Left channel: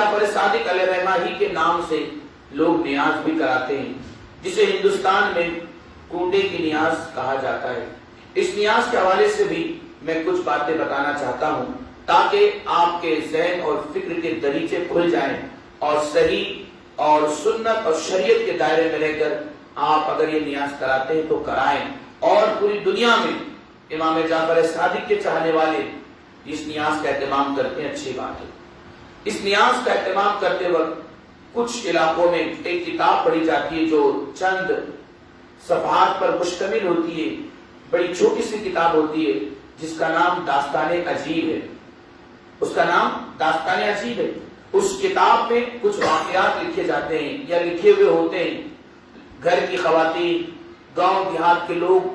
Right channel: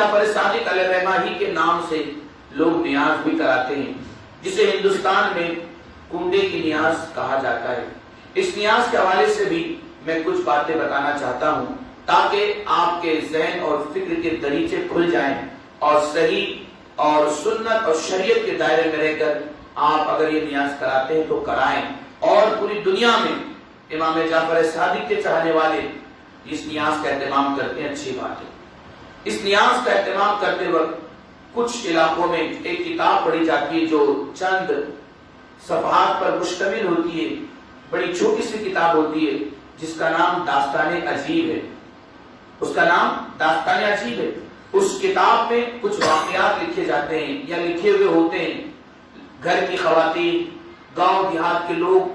جعفر صادق علیہ الرحمہ ہی کے نام سے لوگ نیاز بھی کراتے ہیں، جسے ہندوستان میں کنڈے کی نیاز کہا جاتا ہے۔ اس نیاز کے حوالے سے بھی میں کچھ باتیں بتانا چاہتا ہوں تاکہ آپ کے ذہن اور فکر کے دریچے کھل جائیں اور صحیح اور سنت اور شریعت کے دائرے میں رہ کر آپ اگر یہ نیاز کراتے ہیں تو کرائیں، اور پوری دنیا میں امام جعفر صادق کے چاہنے والے اس نیاز کا اہتمام کرتے ہیں، اچھی بات ہے۔ اس نیاز کا اہتمام کرتے وقت کچھ علاقوں میں ایک کتاب پڑھی جاتی ہے جو چند صفحات پر مشتمل ہوتی ہے، بڑی چھوٹی سی کتاب ہوتی ہے جس کا نام داستان عجیب ہے۔ اس کا نام داستان عجیب ہے۔ اس کتاب میں کچھ واقعات لکھے جاتے ہیں یا لکھے ہوئے ہوتے ہیں، گھر کی خواتین، گاؤں دیہات کے لوگ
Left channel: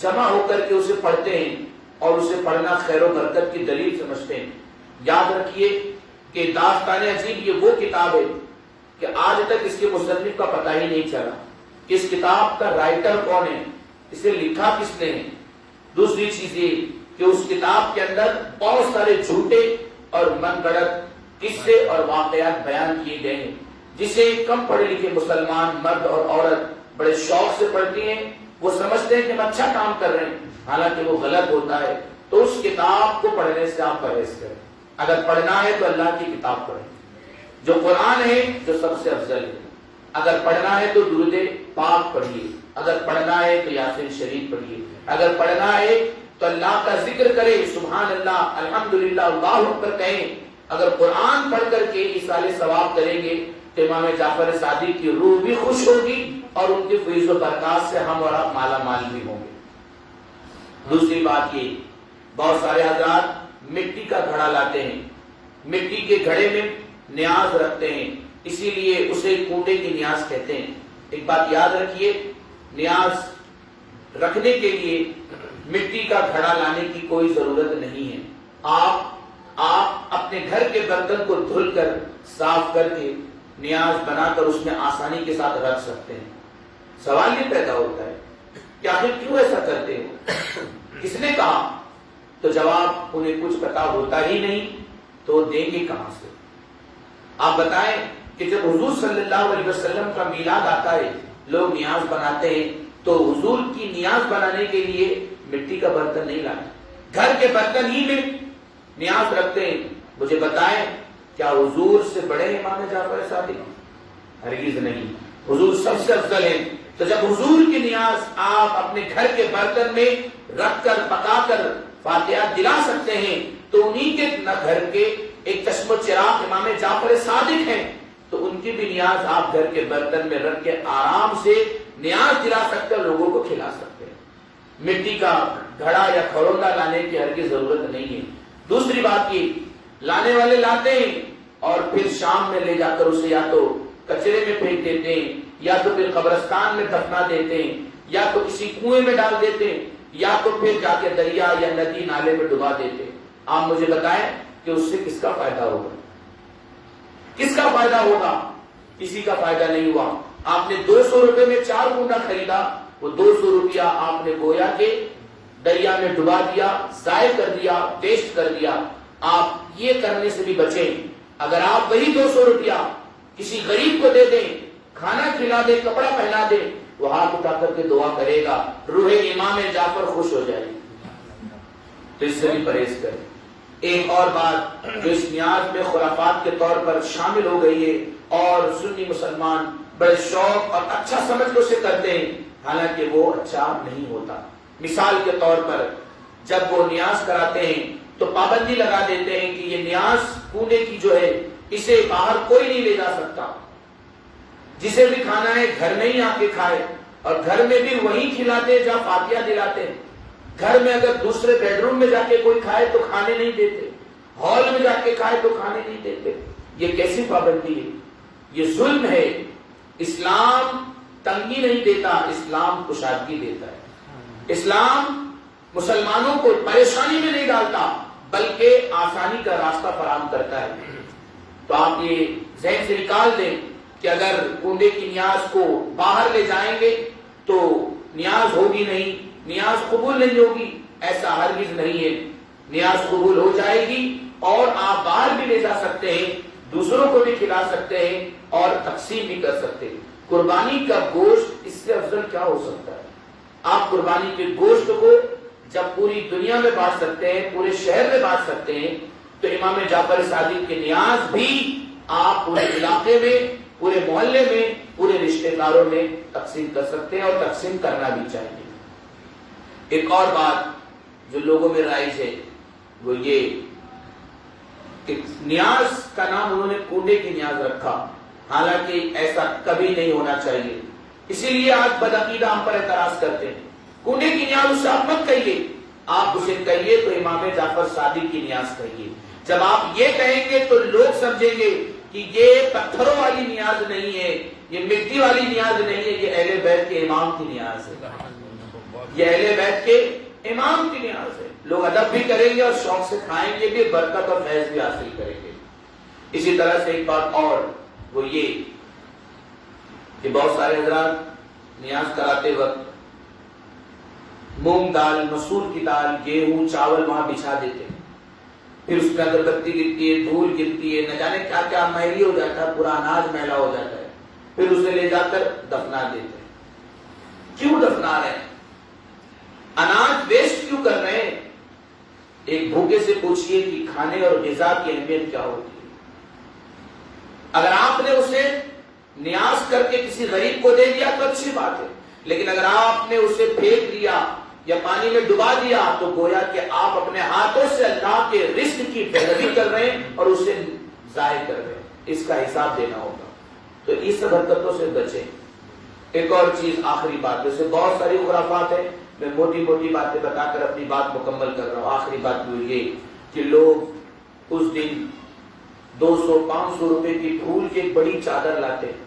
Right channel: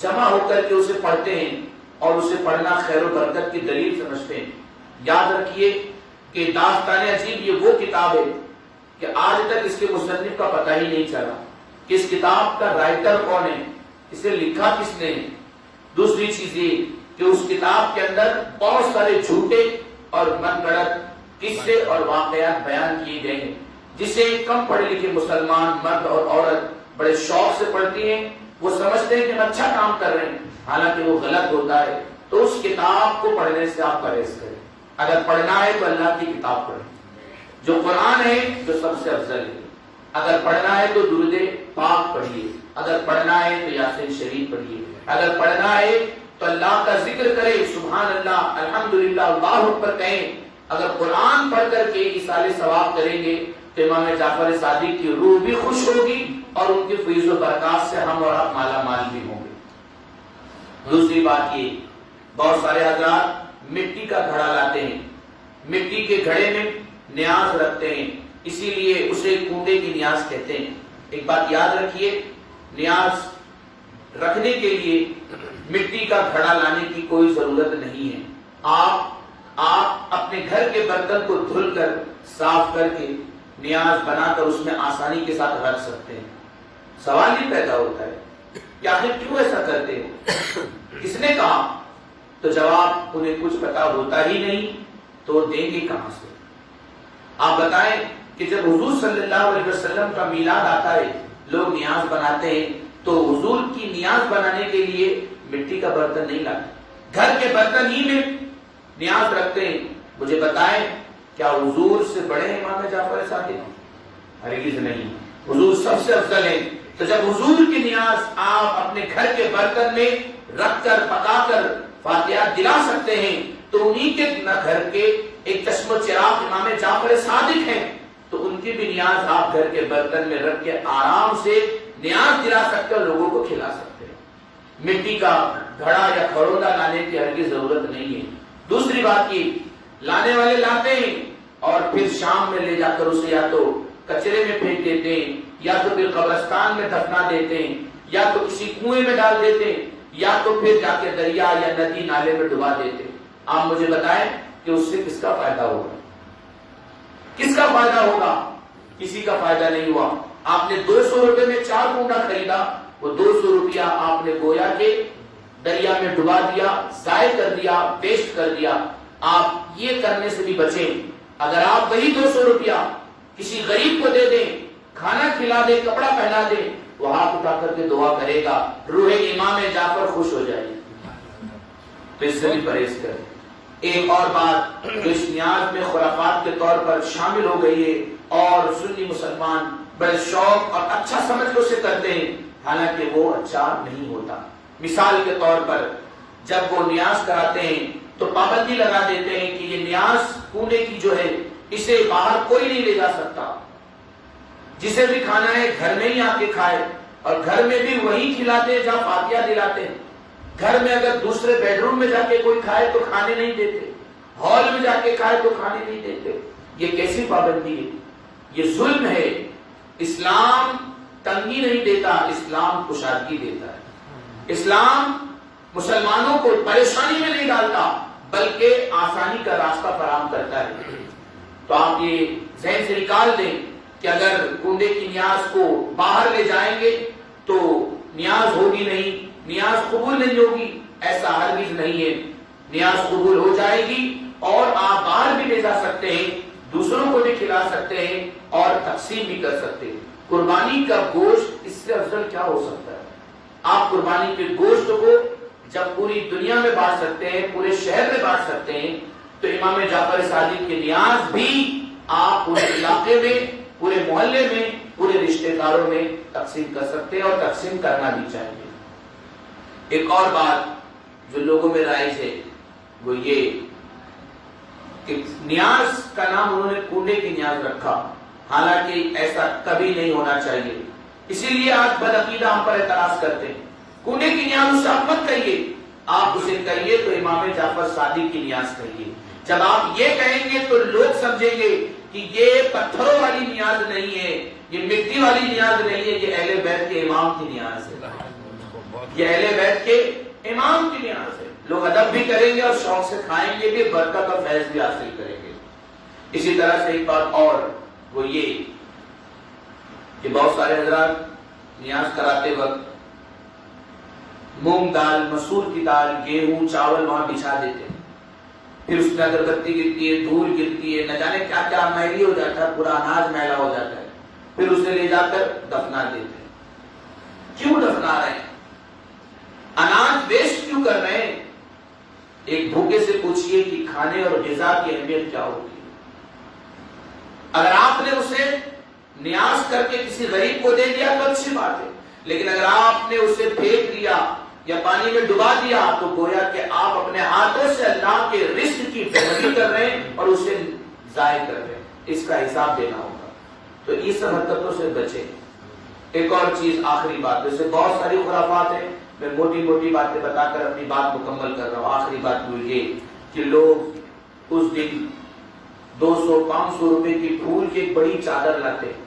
جمع ہو کر کے اسے پڑھتے ہیں اور اسے پڑھنا خیر و برکت کی دلیل سمجھتے ہیں۔ یاد رکھیے کہ داستان عجیب یہ وہ کتاب ہے کہ آج تک اس کے مصنف کا پتہ ہی نہیں چلا کہ اس کتاب کا رائٹر کون ہے، اسے لکھا کس نے۔ دوسری چیز یہ کہ اس کتاب کے اندر بہت سارے جھوٹے اور من گڑت قصے اور واقعات بیان کیے گئے ہیں، جسے کم پڑھے لکھے مسلمان مرد اور عورت بڑے شوق سے پڑھتی ہیں۔ وہ سمجھتے ہیں کہ ہم اچھا کام کر رہے ہیں، حالانکہ وہ غلط ہوتا ہے۔ تو اس کتاب کو پڑھنے سے آپ پرہیز کریں۔ اگر پڑھنا ہے تو اللہ کی کتاب پڑھیں، جو قرآن ہے، جو سب سے افضل ہے۔ اگر پڑھنا ہے تو درود پاک پڑھیے، اگر پڑھنا ہے تو یاسین شریف پڑھیے، اگر پڑھنا ہے تو اللہ کا ذکر کرے، سبحان اللہ، الحمدللہ، اللہ اکبر کہیں۔ اگر قرآن پڑھ کر کے ایصال ثواب کریں گے تو امام جعفر صادق کی روح بھی خوش ہوگی اور ان کی فیض و برکات سے ہم اور آپ مالا مال بھی ہوں گے۔ دوسری بات یہ، بہت سارے حضرات مٹی کا گھڑا لاتے ہیں، مٹی کے گھڑے میں نیاز رکھتے ہیں، اسی لیے اسے کنڈے کی نیاز کہتے ہیں۔ ایک بات یاد رکھیے، نیاز رکھنے کے لیے مٹی کا گھڑا لانے کی کوئی ضرورت نہیں ہے۔ آپ اپنے گھر کے برتن کو دھل کر صاف کر کے نیاز بنا کر اس میں آسانی کے ساتھ رکھ سکتے ہیں۔ سوال یہ پیدا ہوتا ہے کہ آخر کیوں ایسا کرتے ہیں، کس نے کہا؟ تو جواب انہیں کچھ پتا ہوتا ہی نہیں، تو دیں گے کہاں سے؟ آپ بتائیں کہ جب حضور صلی اللہ علیہ وسلم کا میلاد آتا ہے، لوگ نیاز بناتے ہیں، تو حضور کی نیاز بنانے کے لیے مٹی کا برتن نہیں لاتے، گھر کے برتن ہی میں نیاز رکھتے ہیں۔ مجھے بتائیں کیا حضور سے بڑے ہیں امام جعفر صادق؟ ہرگز نہیں، حضور سب سے افضل ہیں۔ تو جب حضور کی نیاز آپ اپنے گھر کے برتن میں رکھ کر پکا کر فاتحہ دلا سکتے ہیں، تو انہی کے نہ گھر کے ایک چشم و چراغ امام جعفر صادق ہیں، تو ان کی بھی نیاز آپ گھر کے برتن میں رکھ کے آرام سے نیاز دلا سکتے ہیں، لوگوں کو کھلا سکتے ہیں۔ مٹی کا گھڑا یا کھڑولا لانے کی ہرگز ضرورت نہیں ہے۔ دوسری بات یہ، لانے والے لاتے ہیں اور پھر شام میں لے جا کر اسے یا تو کچرے میں پھینک دیتے ہیں، یا تو پھر قبرستان میں دفنا دیتے ہیں، یا تو کسی کنویں میں ڈال دیتے ہیں، یا تو پھر جا کے دریا یا ندی نالے میں ڈبا دیتے ہیں۔ آپ مجھے بتائیں کہ اس سے کس کا فائدہ ہوگا؟ کس کا فائدہ ہوگا؟ کسی کا فائدہ نہیں ہوا۔ آپ نے 200 روپے میں 4 کنڈا خریدا، وہ 200 روپیہ آپ نے گویا کے دریا میں ڈبا دیا، ضائع کر دیا، ویسٹ کر دیا۔ آپ یہ کرنے سے بھی بچیں۔ اگر آپ وہی 200 روپیہ کسی غریب کو دے دیں، کھانا کھلا دیں، کپڑا پہنا دیں، وہ ہاتھ اٹھا کر کے دعا کرے گا، روح امام جعفر خوش ہو جائے گی۔ تو اس سے بھی پرہیز کریں۔ ایک اور بات جو اس نیاز میں خرافات کے طور پر شامل ہو گئی ہے اور سنی مسلمان بڑے شوق اور اچھا سمجھ کو سے کرتے ہیں، حالانکہ وہ اچھا نہیں ہوتا۔ مثال کے طور پر جب وہ نیاز کراتے ہیں تو پابندی لگا دیتے ہیں کہ یہ نیاز کنڈے کی جو ہے اسے باہر کوئی نہیں لے جا سکتا، جسے بھی کھانا ہے گھر میں ہی آ کے کھائے، اور گھر میں بھی وہی کھلاتے ہیں جہاں فاتحہ دلاتے ہیں۔ گھر میں اگر دوسرے بیڈ روم میں جا کے کوئی کھائے تو کھانے نہیں دیتے، ہال میں جا کے کھائے تو کھانے نہیں دیتے۔ یہ کیسی پابندی ہے؟ یہ ظلم ہے۔ اسلام تنگی نہیں دیتا، اسلام کشادگی دیتا ہے۔ اسلام مسلمانوں کو پریشانی میں نہیں ڈالتا بلکہ آسانی کا راستہ فراہم کرتا ہے۔ تو آپ یہ ذہن سے نکال دیں کہ اگر کنڈے کی نیاز کو باہر لے جائیں گے تو نیاز ہوگی نہیں، نیاز قبول نہیں ہوگی، ایسا ہرگز نہیں ہے۔ نیاز قبول ہو جائے گی اور آپ باہر بھی لے جا سکتے ہیں، دوسروں کو بھی کھلا سکتے ہیں اور تقسیم بھی کر سکتے ہیں۔ قربانی کا گوشت اس سے افضل کیا ہو سکتا ہے؟ آپ قربانی کے گوشت کو جب پوری دنیا میں بانٹ سکتے ہیں، پورے شہر میں بانٹ سکتے ہیں، تو امام جعفر صادق کی نیاز بھی آپ پورے علاقے میں، پورے محلے میں، پورے رشتہ داروں میں تقسیم کر سکتے ہیں، اور تقسیم کرنا بھی چاہیے۔ ایک اور بات جو لوگوں میں رائج ہے وہ یہ کہ نیاز کا نام انہوں نے کنڈے کی نیاز رکھا، حالانکہ ایسا کبھی نہیں ہونا چاہیے۔ اسی لیے آج بدعقیدہ ہم پر اعتراض کرتے ہیں، کنڈے کی نیاز اسے آپ مت کہیے، آپ اسے کہیے تو امام جعفر صادق کی نیاز کہیے۔ جب آپ یہ کہیں گے تو لوگ سمجھیں گے کہ یہ پتھروں والی نیاز نہیں ہے، یہ مٹی والی نیاز نہیں ہے، یہ اہل بیت کے امام کی نیاز ہے، یہ اہل بیت کے امام کی نیاز ہے۔ لوگ ادب بھی کریں گے اور شوق سے کھائیں گے بھی، برکت اور فیض بھی حاصل کریں گے۔ اسی طرح سے ایک بات اور وہ یہ کہ بہت سارے حضرات نیاز کراتے وقت مونگ دال، مسور کی دال، گیہوں، چاول وہاں بچھا دیتے ہیں، پھر اس میں اگربتی گرتی ہے، دھول گرتی ہے، نہ جانے کیا کیا میلی ہو جاتا ہے، پورا اناج میلا ہو جاتا ہے، پھر اسے لے جا کر دفنا دیتے ہیں۔ کیوں دفنا رہے ہیں؟ اناج ویسٹ کیوں کر رہے ہیں؟ ایک بھوکے سے پوچھئے کہ کھانے اور غذا کی اہمیت کیا ہوتی ہے۔ اگر آپ نے اسے نیاز کر کے کسی غریب کو دے دیا تو اچھی بات ہے، لیکن اگر آپ نے اسے پھینک دیا یا پانی میں ڈبا دیا تو گویا کہ آپ اپنے ہاتھوں سے اللہ کے رزق کی بےحدی کر رہے ہیں اور اسے ضائع کر رہے ہیں۔ اس کا حساب دینا ہوگا، تو اس سب حرکتوں سے بچیں۔ ایک اور چیز، آخری بات، ویسے بہت ساری خرافات ہیں، میں موٹی موٹی باتیں بتا کر اپنی بات مکمل کر رہا ہوں۔ آخری بات یہ کہ لوگ اس دن 200-500 روپے کی پھول کی ایک بڑی چادر لاتے ہیں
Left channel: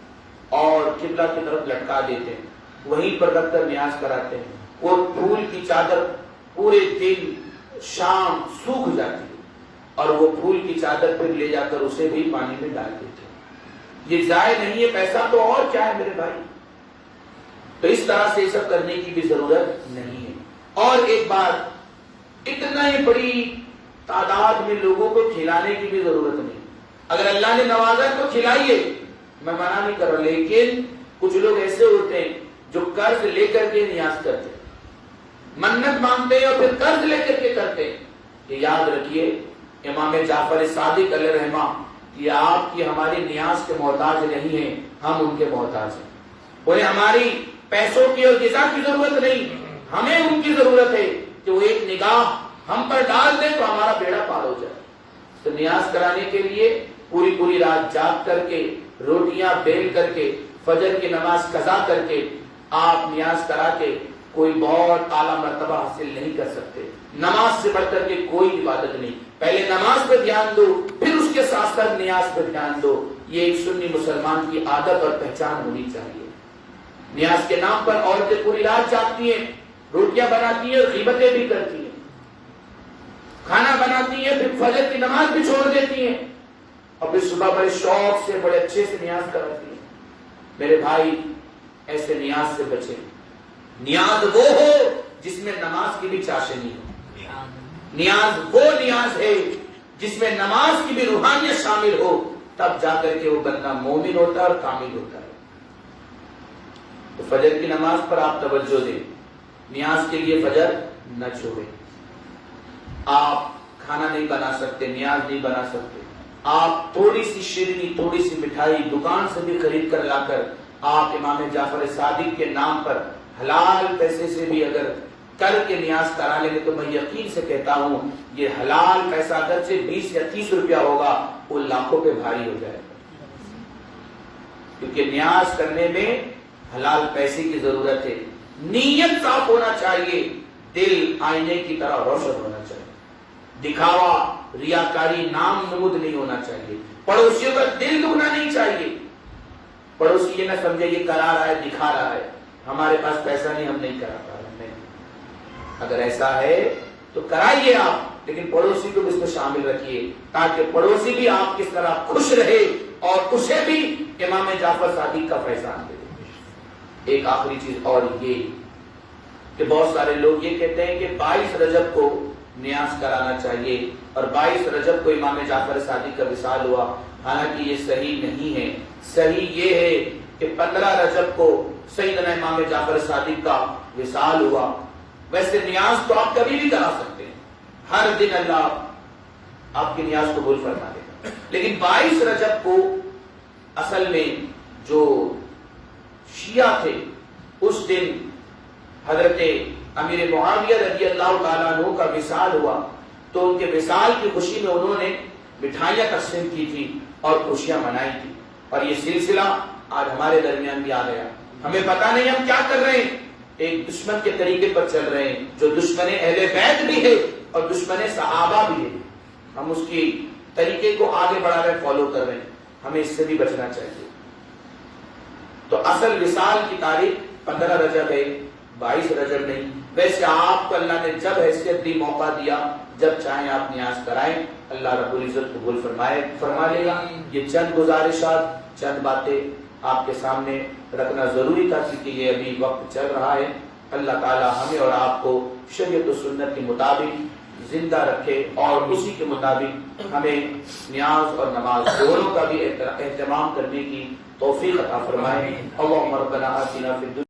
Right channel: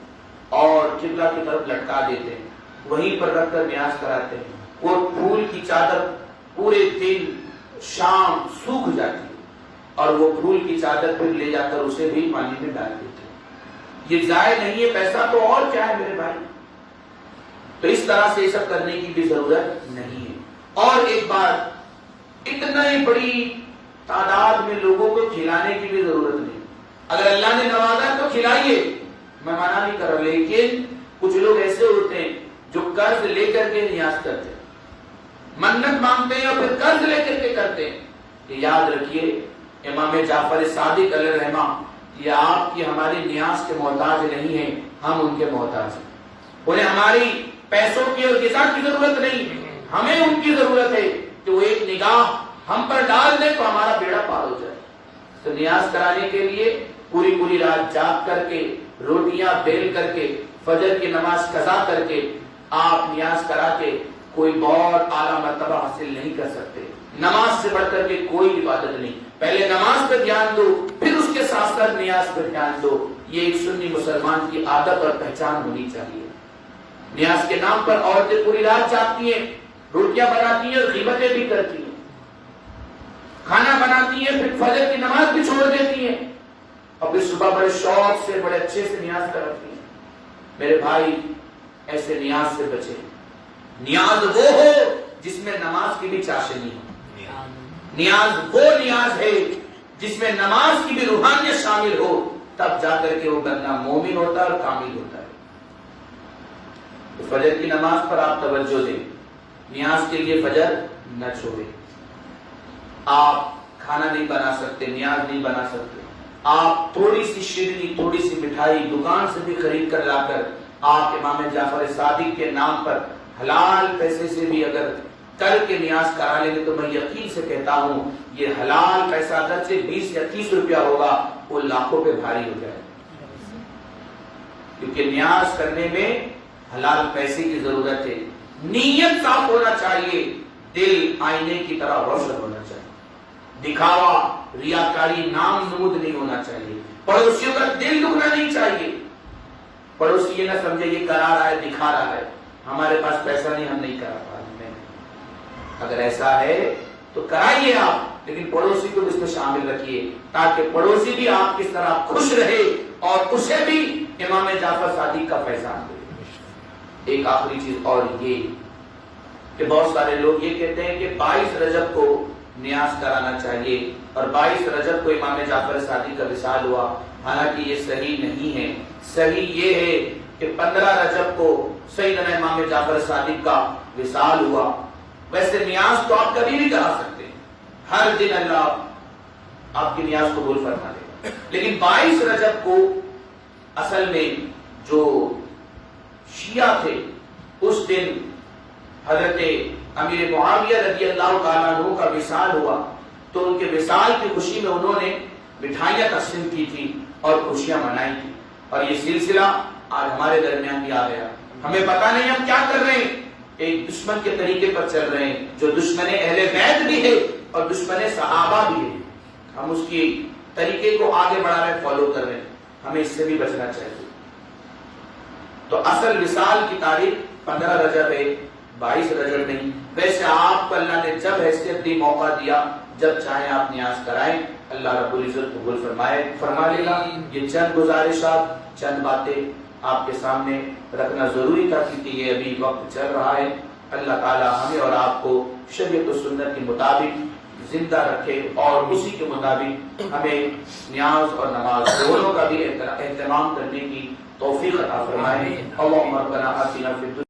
اور قبلہ کی طرف لٹکا دیتے ہیں، وہیں پر رکھ کر نیاز کراتے ہیں۔ وہ پھول کی چادر پورے دن شام سوکھ جاتی ہے اور وہ پھول کی چادر پھر لے جا کر اسے بھی پانی میں ڈال دیتے ہیں۔ یہ ضائع نہیں ہے پیسہ، تو اور کیا ہے میرے بھائی؟ تو اس طرح سے یہ سب کرنے کی بھی ضرورت نہیں ہے۔ اور ایک بات، اتنا ہی بڑی تعداد میں لوگوں کو کھلانے کی بھی ضرورت نہیں۔ اگر اللہ نے نوازا ہے تو کھلائیے، میں منع نہیں کر رہا، لیکن کچھ لوگ ایسے ہوتے ہیں جو قرض لے کر کے نیاز کرتے ہیں، منت مانگتے ہیں اور پھر قرض لے کر کے کرتے ہیں۔ یہ یاد رکھیے، امام جعفر صادق علیہ الرحمہ یہ آپ کی ہماری نیاز کے محتاج نہیں ہیں، ہم ان کے محتاج ہیں۔ انہیں ہماری پیسوں کی اور غذا کی ضرورت نہیں، ہمیں ان کی ضرورت ہے کہ وہ ایک نگاہ ہم پر ڈال دیں تو ہمارا بیڑا پار ہو جائے۔ تو نیاز کرانے کے لیے پوری رات جاگ کر کے، روٹیاں بیل کر کے، فجر کی نماز قضا کر کے آپ نیاز کرا کے کوئی بہت اعلیٰ مرتبہ حاصل نہیں کر سکتے۔ نماز سے بڑھ کر کے کوئی عبادت نہیں، پہلے نماز پہ دھیان دو، پھر اس کے ساتھ ساتھ نیاز پہ دھیان دو۔ یہ ایک سنی مسلمان کی عادت اور پہچان ہونی چاہیے۔ نیاز کے نام پر عورتیں پوری رات جاگتی ہیں، روٹیاں بناتی ہیں اور غیبتیں بھی کرتی ہیں، کھانا بناتی ہیں، پھر فجر کی نماز بھی چھوڑ دیتی ہیں اور پھر صبح بڑے شوق سے بڑے اچھے سے نیاز کراتی ہیں۔ میرے بھائی، ایسے نیاز سے بچیں۔ نیاز وہ ہو جس میں نماز کی بھی چاشنی ہو، نیاز وہ نیاز ہے جس میں نماز کی بھی روحانیت شامل ہو، تب جا کر کے وہ بندہ مومن ہوتا ہے اور کامل ہوتا ہے۔ تو فجر کی نماز پر آپ توجہ دیں، نیاز کے لیے فجر نہ چھوڑیں۔ آپ کھانا نہیں بنا سکتے، نیاز نہیں بنا سکتے، آپ تھوڑی سی شیرنی، تھوڑی سی مٹھائی دکان سے بھی خرید کر لا کر آپ امام جعفر صادق کے نام پر حلال پیسے سے بھی اگر کر کے نیاز کرا لیں گے تو میں یقین سے کہتا ہوں یہ حلال پیسہ اگرچہ 20 یا 30 روپیہ ہوگا، وہ لاکھوں پہ بھاری ہو جائے، کیونکہ نیاز کرنے میں حلال پیسے کی ضرورت ہے۔ نیت صاف ہونا چاہیے، دل آئینے کی طرح روشن ہونا چاہیے، دکھاوا، ریاکاری، نام نمود نہیں ہونا چاہیے، پڑوسیوں کا دل دکھنا نہیں چاہیے۔ پڑوسی یہ نہ سمجھے یہ کرا رہا ہے، دکھا رہا ہے، ہمارے پاس پیسہ نہیں، ہم نہیں کرا پا رہے۔ اگر ایسا ہے تو کرائیے آپ، لیکن پڑوسی کو بھی اس میں شامل رکھیے تاکہ پڑوسی بھی آپ کس طرح خوش رہے اور اسے بھی امام جعفر صادق کا فیضان دے۔ ایک آخری چیز اور یہ کہ بہت سارے لوگ یہ کہتے ہیں کہ 22 رجب کو نیاز کرانا چاہیے اور 22 رجب کو امام جعفر صادق کا وصال ہوا، حالانکہ یہ صحیح نہیں ہے. صحیح یہ ہے کہ 15 رجب کو سیدنا امام جعفر صادق کا وصال ہوا. ویسے نیاز تو آپ کبھی بھی کرا سکتے ہیں، ہر دن اللہ آپ کی نیاز قبول فرما دے گا. لیکن 22 رجب کو اصل میں جو شیعہ تھے اس دن حضرت امیر معاویہ رضی اللہ تعالیٰ عنہ کا وصال ہوا، تو ان کے وصال کی خوشی میں انہوں نے مٹھائیاں تقسیم کی تھی اور خوشیاں منائی تھی. اور یہ سلسلہ آج ہمارے درمیان بھی آ گیا. ہمیں پتہ نہیں ہم کیا کر رہے ہیں، ایک دشمن کے طریقے پر چل رہے ہیں جو دشمن اہل بیت بھی ہے اور دشمن صحابہ بھی ہے. ہم اس کی طریقے کو آگے بڑھا رہے ہیں، فالو کر رہے ہیں. ہمیں اس سے بھی بچنا چاہیے. تو اصل وصال کی تاریخ 15 رجب ہے، 22 رجب نہیں. ویسے آپ کو اللہ نے جب حیثیت دی، موقع دیا، جب چاہیں آپ نیاز کرائیں، اللہ رب العزت قبول فرما لے گا. یہ چند گزارشات، چند باتیں آپ کے سامنے رکھنا ضروری تھا کیونکہ یہ ابھی وقت چل رہا ہے. اللہ تعالی ہمیں اور آپ کو شریعت و سنت کے مطابق زندہ رکھے اور اسی کے مطابق ہمیں نیاز اور نماز دونوں کا بھی اہتمام کرنے کی توفیق عطا فرمائے. اللہم ربنا آتنا فی الدنیا